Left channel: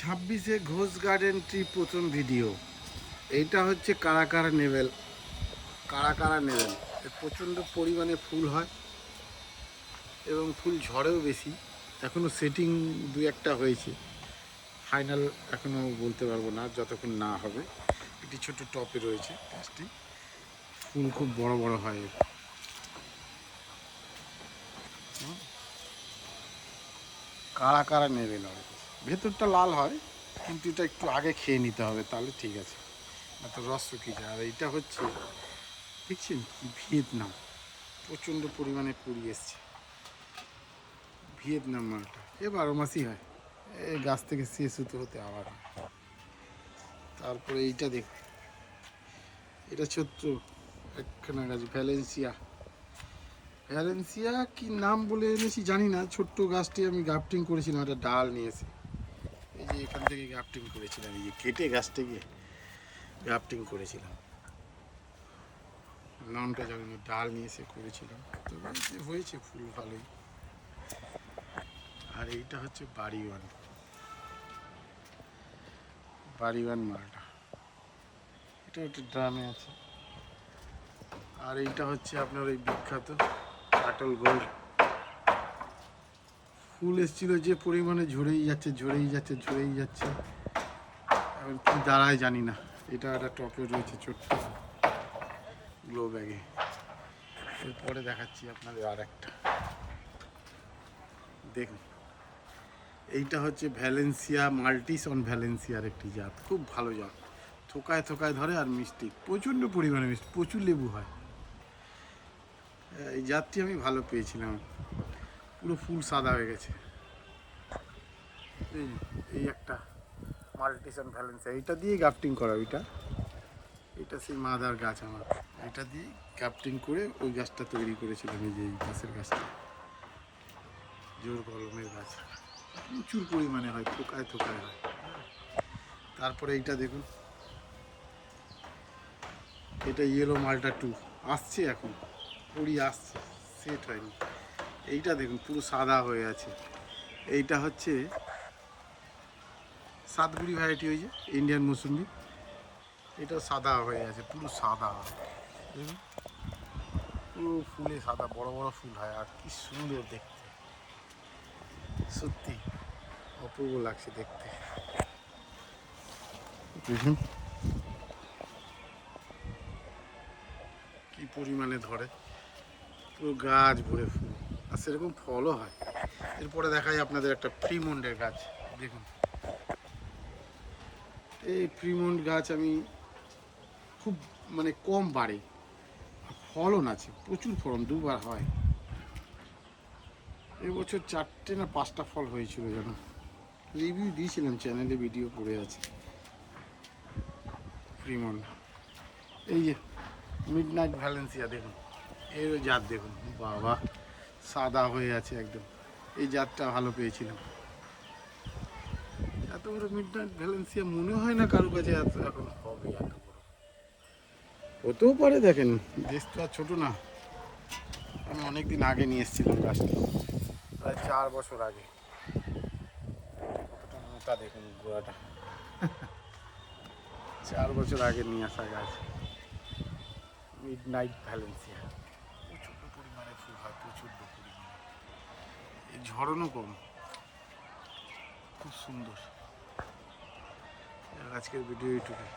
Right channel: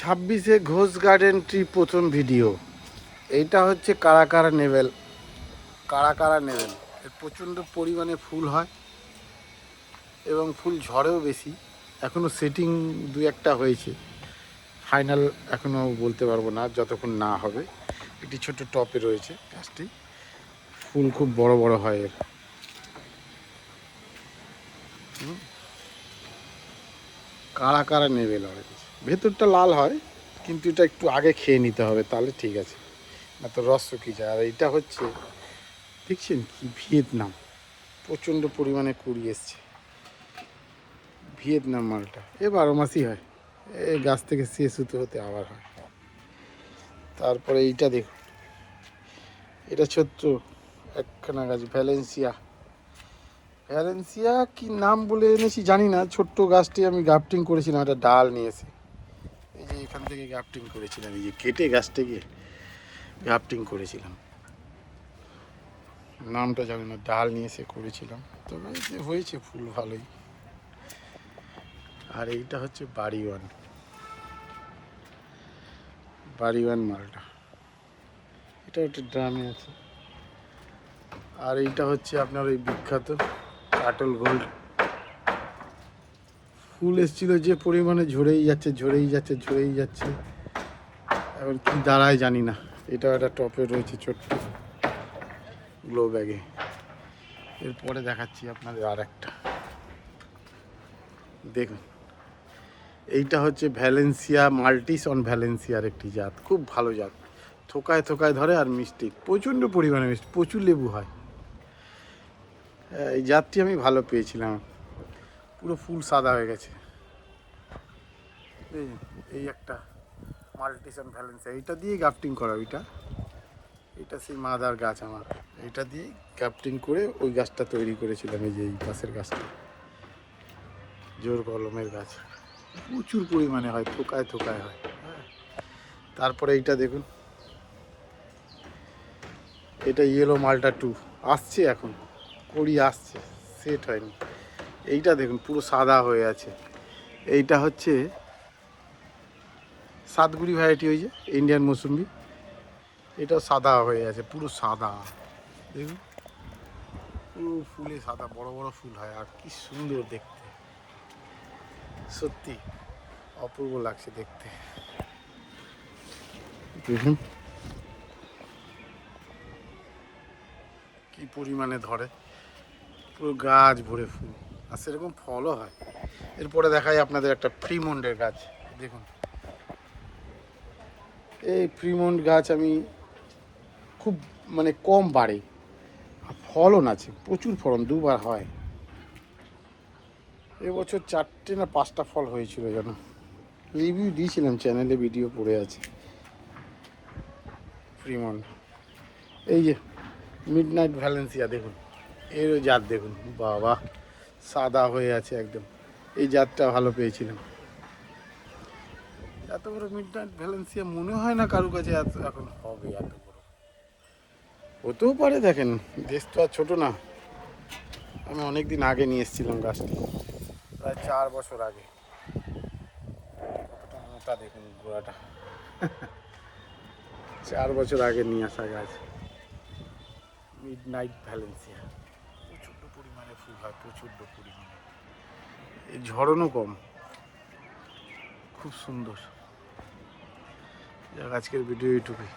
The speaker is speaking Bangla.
ছাব্বিশে ঘোষ গার্ডেন ট্রি প্রথম ভিডিও। এইটা হচ্ছে কারা কারা নেবেল, প্রচণ্ড পরিমাণে ফুল হয় এবং ফুল ঝড়েও বেশি। এখনও সেটিং দু একটা হয়েছে, ফাইনাল এখনও বলতে পারবো না যতক্ষণ না হবে। একটি ছোট্ট টপে রয়েছে গাছটি, ফুল খুব বড় বড় হয় এর। কারা কারা নেবেল অরেঞ্জ, ভেতরটা লাল হয় কিন্তু এটা একটু আগে খেয়ে নিতে হবে, তাহলে ঠিক আছে, না তো রস শুকিয়ে যায়। আর এইটা হচ্ছে দেখছেন কি ভিয়েতনাম, প্রচণ্ড পরিমাণে কুড়ি এসছে। ভিয়েতনাম মালটা এ 12 মাসই হয়, এই গাছ থেকে শেষ হতে হতে আবার হয়। তারপরে এইটা দেখুন, এটা ছোট্ট একখানা গাছ, ভ্যালেন্সিয়া কি নাম বলে এনেছি জানি না। ছোট্ট গাছটি আমি গ্রাফটিং করেছিলাম, একটা ডাল নিয়েছি, এই যে এখান থেকে গ্রাফটিং করেছিলাম, এই যে কেটে গাছটাকে গ্রাফটিং করেছিলাম, নামটা জানি না, ডাল নিয়ে এসে করেছিলাম, তবে যে হয়েছে ফুল ভালোই। আর এইটা হচ্ছে বাড়িওয়ান মালটা, এটা একটা ড্রামে আছে। আর এইটা হচ্ছে আপনার ওই বিখ্যাত কাটল গোল্ড, ফুল এসেছিল যে পরিমাণে ঝরেই যাচ্ছে, এখন কি দাঁড়ায় জানি না। এটা একটা টপে রয়েছে ছোট্ট গ্লো ব্যাগে। এরপরে দেখাচ্ছি আপনাদের আর একটা, দেখুন এইটা হচ্ছে ভ্যালেন্সিয়া মাল্টিস অন ভ্যালেন্সিয়ার একটি জাত, খুব ভালো জাত, থোকায় থোকায় ধরে আর মিষ্টি, প্রচণ্ড পরিমাণে মিষ্টি, প্রচুর লেবু হয়। এই জাতটি আমি ভালো পেয়েছিলাম, পুরো ফুল সাদা হয়ে গেছে। এই একটা মাল্টিস অন ভ্যালেন্সিয়া, এইটা দিয়ে গ্রাফটিং করা, এটা সেই মাদার গাছ আমার, এটা দিয়ে গ্রাফটিং করে ওই গাছটা তৈরি করেছিলাম। এই যে এই গাছের গাছটা জোর কলমের গাছ, প্রচুর পরিমাণে হয়, থোকায় থোকায় হয়। হ্যাঁ, তারপরে এইটা দেখুন, এটা ইয়েলো মালটা 2 আসছে, এখন কড়ি আসছে, সেট হয়নি। এইটা দেখুন পুরো সাদা হয়ে আছে, এইটা হচ্ছে সাতগুড়ি ভ্যারাইটি, ওই যে ইন্ডিয়ান মৌসুম্বি, এটাও সাদা হয়ে আছে, পুরো সাদা দেখুন, পুরো ফুলে সাদা, বড় বড় ফুল হয়, আর কি সুন্দর দেখতে, সত্যি অপূর্ব লাগছে দেখতে। দেখুন কি পরিমাণে ধরে, পুরো গাছ ভরে ফুল, আর সেরকম ফলও হয়। এরপরে দেখাই আপনাদের একটা ফ্রিমন্ডের গাছ, দেখুন এই ফ্রিমন্ড গাছ আমি খুব মানে কম বাড়ে, আর ফলন আছে, প্রচুর ফলন, দুবার হয়। এবছর 4টে না 5টা ফল হয়েছিল যেন, রিভিউ দিয়েছিলাম চ্যানেলে, ভিডিও পড়ে আছে। ফ্রিমন্ড, এই যে মিডনাইট ভ্যালেন্সিয়া দেখুন, এর জাত দেখুন, বাবা সাদা হয়ে আছে একদম, এই জাতটা ভালো পেয়েছিলাম। এত বড় মিডনাইট ভ্যালেন্সিয়া মনে হয় না কারো কাছে এত এখন হবে, এত বড় হতেও পারে। দেখেন দেশ তো আর ছোটো না, আমি অনেক দিন আগে নিয়ে এসেছিলাম গাছটি, প্রায় 4 বছর আগে। কতটা মোটা দেখুন গোড়াটা, 4 বছর আগে নিয়ে আসা গাছ, মিডনাইট ভ্যালেন্সিয়া, প্রচণ্ড পরিমাণে ফুল হয়, প্রচণ্ড পরিমাণে, এই ঝড়নও কম, খুব সুন্দর। আজকের ভিডিও এইটুকুই।